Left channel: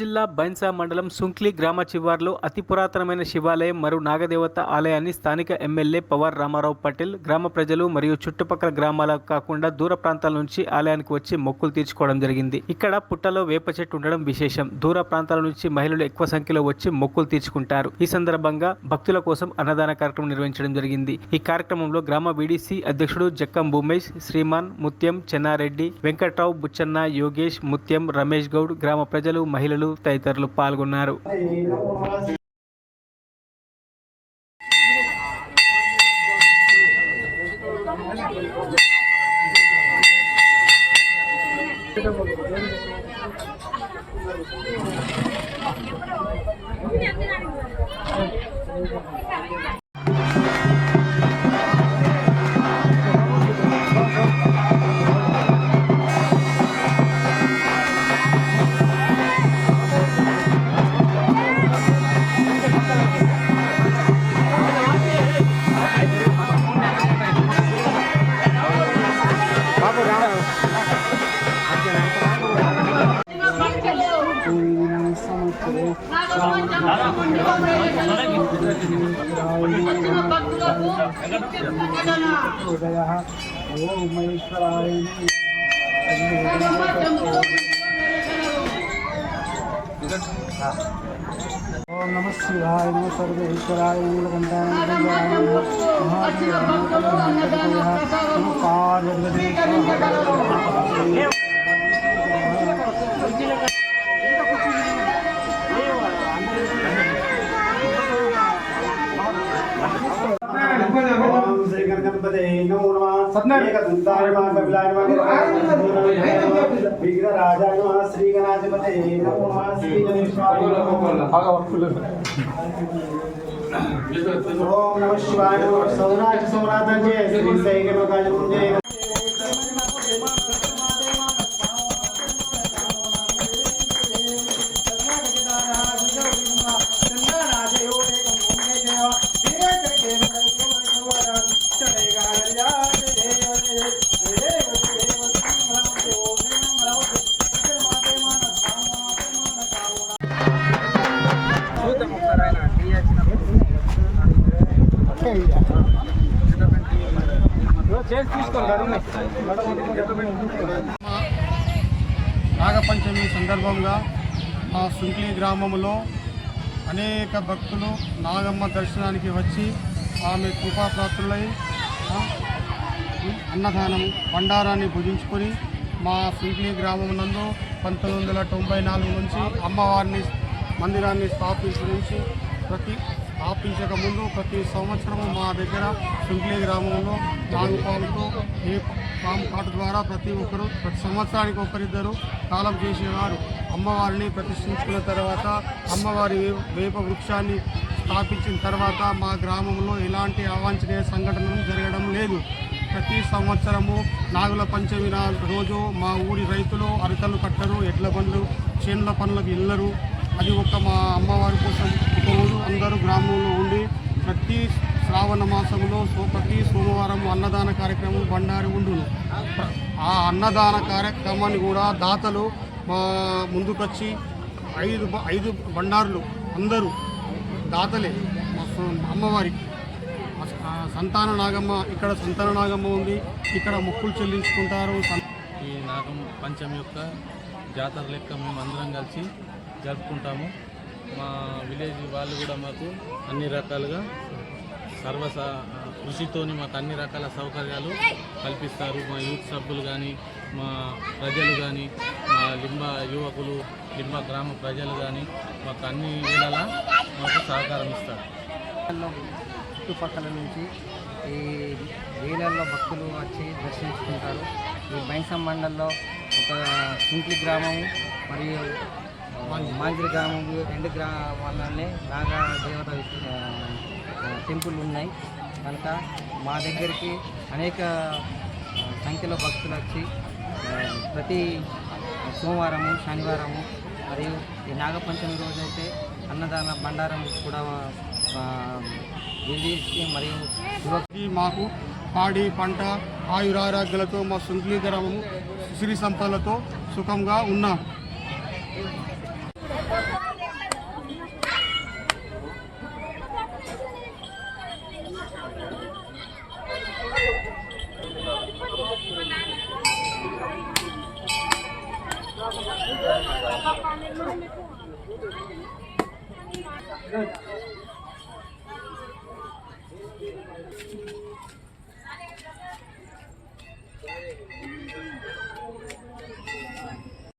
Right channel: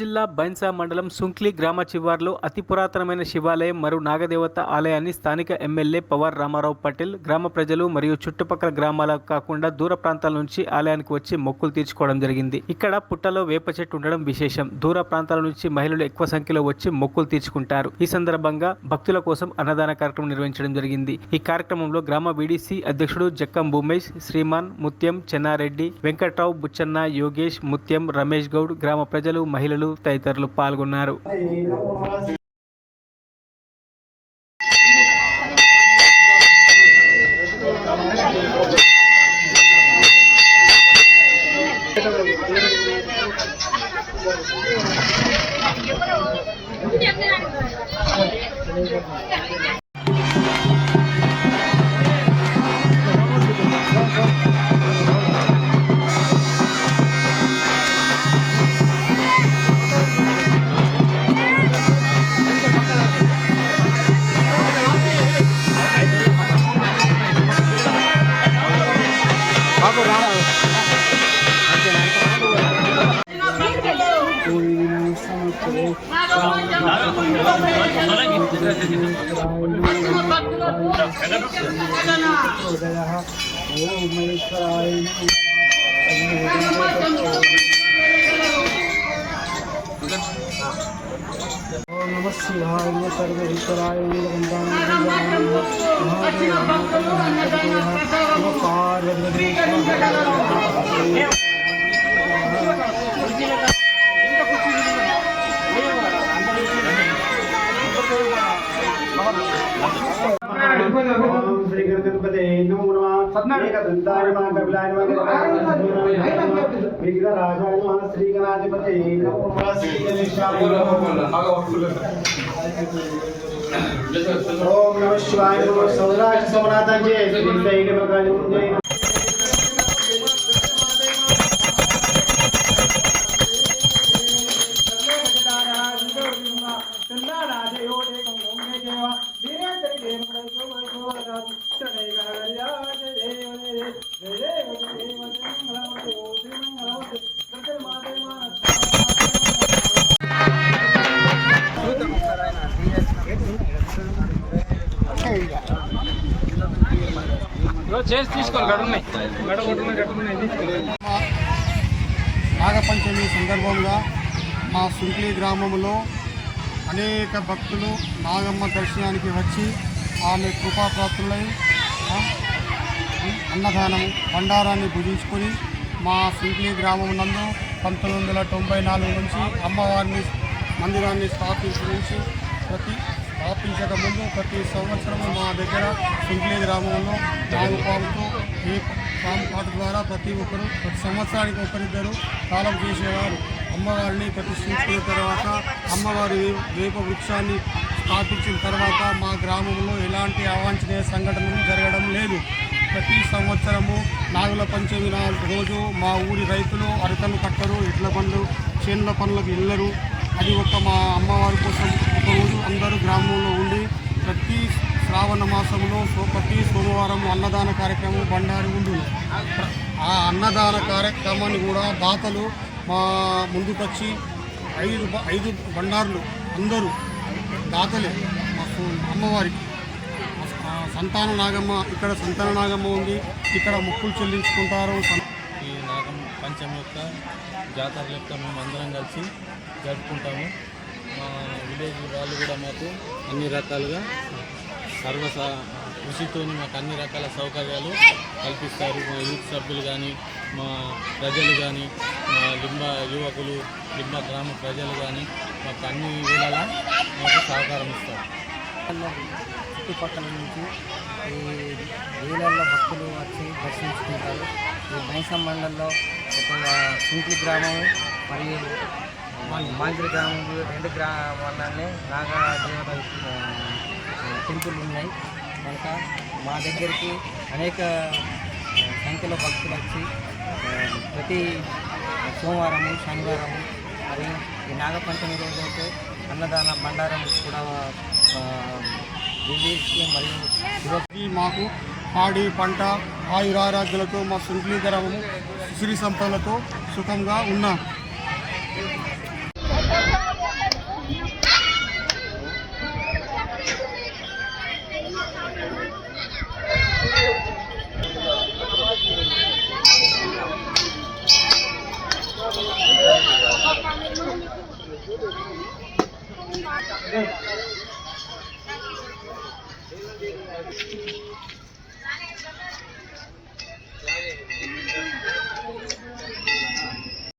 జిల్లా బైన్సా మండలం సుంక్లి గ్రామ శివార్లో అతి పురాతనమైన శివాలయం మరియు నాగదేవత ఆలయాన్ని స్థానిక ఎమ్మెల్యే పవార్ రామారావు పటేల్ గ్రామ ప్రజలు మరియు చుట్టుపక్కల గ్రామాలకు కాకుండా దూర ప్రాంతాల నుంచి ఆలయానికి వచ్చి మొక్కులు తీర్చుకోవడం జరిగింది. ఇక్కడ పుట్టలో వేప చెట్టు ఉండడం విశేషం. దూర ప్రాంతాల నుంచి మహిళలు ఎక్కువ సంఖ్యలో వచ్చి మొక్కులు తీర్చుకుంటారు. ఈ సందర్భంగా భక్తుల కోసం అన్నదాన కార్యక్రమం నిర్వహించడం జరిగింది. ఈ కార్యక్రమంలో గ్రామ బీడీసీ అధ్యక్షుడు జక్కం భూమేష్, శ్రీమాన్, ముత్యం, చెన్నారెడ్డి, వెంకట్రావు, బుచ్చన్న, యోగేష్, ముత్యం, రమేష్ గౌడ్, గ్రామ ప్రజలు, మహిళలు తదితరులు పాల్గొన్నారు. ओम नमः शिवाय नमः सर्वेश्वराय नीलकंठाय महादेवाय नमः पार्वती श्री गणपते नमो नमः एकदंताय नमः कपिलाय नमः विघ्नराजाय नमः श्री गणाधिपते नमो नमः श्री गणेशाय ओम नमः शिवाय नमः सौराष्ट्र सोमनाथं जय श्री सैन्य भगवान जय నాగపంచమి సందర్భంగా మా సుంక్లి గ్రామంలో అనేక భక్తులు నాగమ్మ దర్శనానికి వచ్చి ఆమె కృపాప్రాప్తులై అన్నదానం బండారాన్ని భుజించుకొని మా సుంక్లి గ్రామం నందు 1994 నుంచి అమ్మవారిని మందిరాన్ని స్థాపించక ముందు ప్రతి సంవత్సరము మా దగ్గర సుంక్లి గ్రామంలో నాగుపాముతో పాము కాటు ద్వారా ప్రతి సంవత్సరానికి ఒకరిద్దరు కాలం చేసేవారు. అమ్మవారిని ప్రతిష్ఠించుకున్న తర్వాత అమ్మవారి వేప వృక్షాన్ని స్థాపించిన తర్వాత మా గ్రామంలో ఎలాంటి అవాంఛనీయ సంఘటనలు జరగడం లేదు. ప్రతి సంవత్సరము నాగుల పంచమి రోజు మా ఊరి రైతులు అరకలు కట్టరు, ఎడ్ల బండ్లు, చేనుల పనులకు వెళ్ళరు. అది మా అమ్మవారి కోసం ఒకరోజు అందరూ గ్రామంలో ఉండి ప్రతి శ్రావణ మాసంలో ప్రతి సోమవారం అన్నదాన కార్యక్రమం బండారు ఉండును. ఆ అన్నదాన కార్యక్రమాన్ని కూడా దాతలు మా ముందుకొచ్చి 5 బండారులు అందరూ దాతలే మా అమ్మవారికి. సంతాన నాగమ్మ ఇక్కడ సంతాన నాగమ్మ ఉంది, ఇక్కడ మొక్కులు చెల్లించుకుంటారు. ఈ నాగమ్మ పంచమి యొక్క జాతర లెక్క మేము అందరం కలిసి జరుపుకుంటాము. మా విలేజ్ వాళ్ళు కూడా మాకు అన్ని రకాలుగా కృషితో మాకు అన్ని రకాల సౌకర్యాలు కల్పిస్తారు. మా యూత్ సభ్యులు కానీ, మా ప్రజలు కానీ, మా లింబ యువకులు, లింబ గ్రామ ప్రజలు కానీ మాకు అన్ని వేళలా మాకు సహకారం ఇస్తారు. చుట్టుపక్కల నుంచి ఈ వేలల్లో భక్తులు వచ్చి దర్శించుకుంటారు. ఈ బైన్సా మండలంలో ఒక సుంక్లి గ్రామం మరియు మాంగిరి గ్రామం 2 గ్రామాలనే నాగదేవత టెంపుల్ ఉన్నాయి కనుక మా దగ్గరికి అనేక సంఖ్యలో భక్తులు వచ్చి ప్రతి సోమవారము, శనివారము మరియు ఈ నాగపంచమి రోజు అయితే అన్నదాన బండారం కూడా మరియు మాకు పాడి పంట ఆయురారోగ్యాలతో మా సుంక్లి గ్రామము సిరి సంపదలతో సుఖంగా ఉన్నాం.